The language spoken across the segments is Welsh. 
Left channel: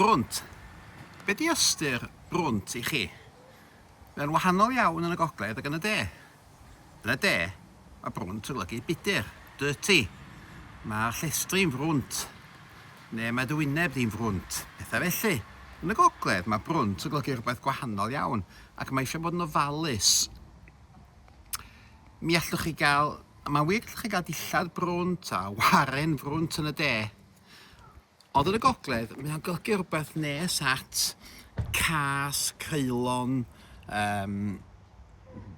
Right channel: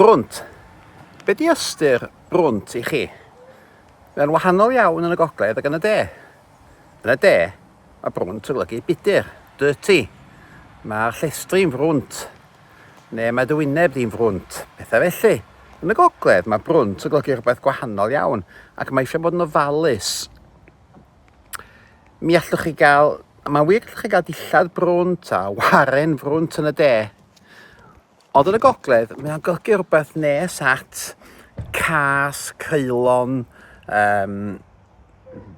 Brwnt. Be di ystyr brwnt I chi? Mae'n wahanol iawn yn y gogledd ac yn y de. Yn y de, mae brwnt yn golygu budur, dirty. Mae'r llestri'n frwnt, neu mae dy wyneb di'n frwnt, pethau felly. Yn y gogledd, mae brwnt yn golygu rhywbeth gwahanol iawn, ac mae eisiau bod yn ofalus. Mae'n wir allwch chi gael dillad brwnt a waren frwnt yn y de. Ond yn y gogledd, mae'n golygu rhywbeth nes at cas, creulon,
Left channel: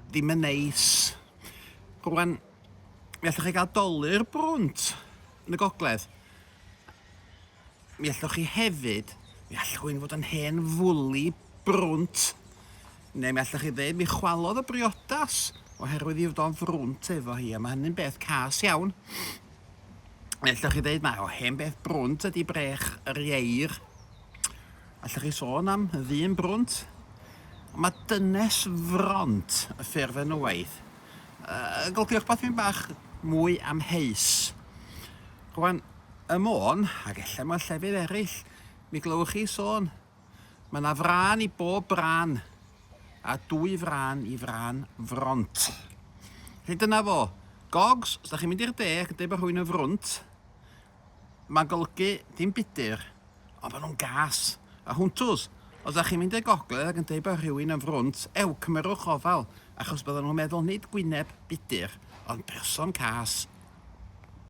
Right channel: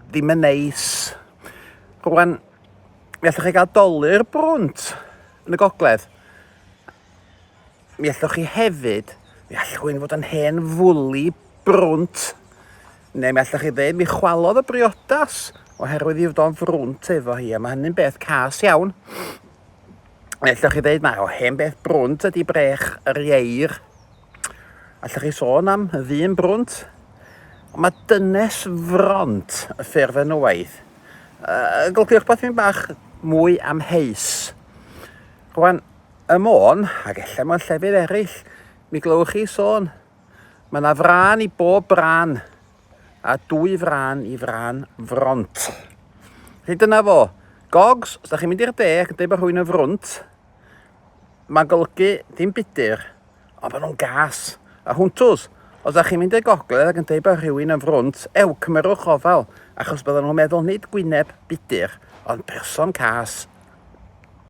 ddim yn neis. Rwan, mi allwch chi gael dolyr brwnt yn y gogledd. Mi allwch chi hefyd, mi allwch chi'n fod yn hen fwli brwnt. Neu mi allwch chi ddeud, mi chwalodd y briodas oherwydd I fod o'n frwnt efo hi, a mae hynny'n beth cas iawn. Allwch chi ddeud, mae o hen beth brwnt ydi brech yr ieir. Allwch chi sôn am y ddyn brwnt. Ond mae dynes front y ffurf yn y waith. Golygu rhywbeth fi'n bach mwy amheus. Rwan, y môn, ac ella mewn llefydd eraill, mi glywch chi sôn. Mae yna fran I bob bran, a 2 fran I fran front. Felly dyna fo. Gogs, os da chi'n mynd i'r de ac yn dweud bod rhywun yn frwnt, mae'n golygu dim budur, ond bod nhw'n gas. A hwntws, os da chi'n mynd i'r gogledd ac yn dweud bod rhywun yn frwnt, cymrwch ofal, achos bydden nhw'n meddwl nid gwyneb budur, ond person cas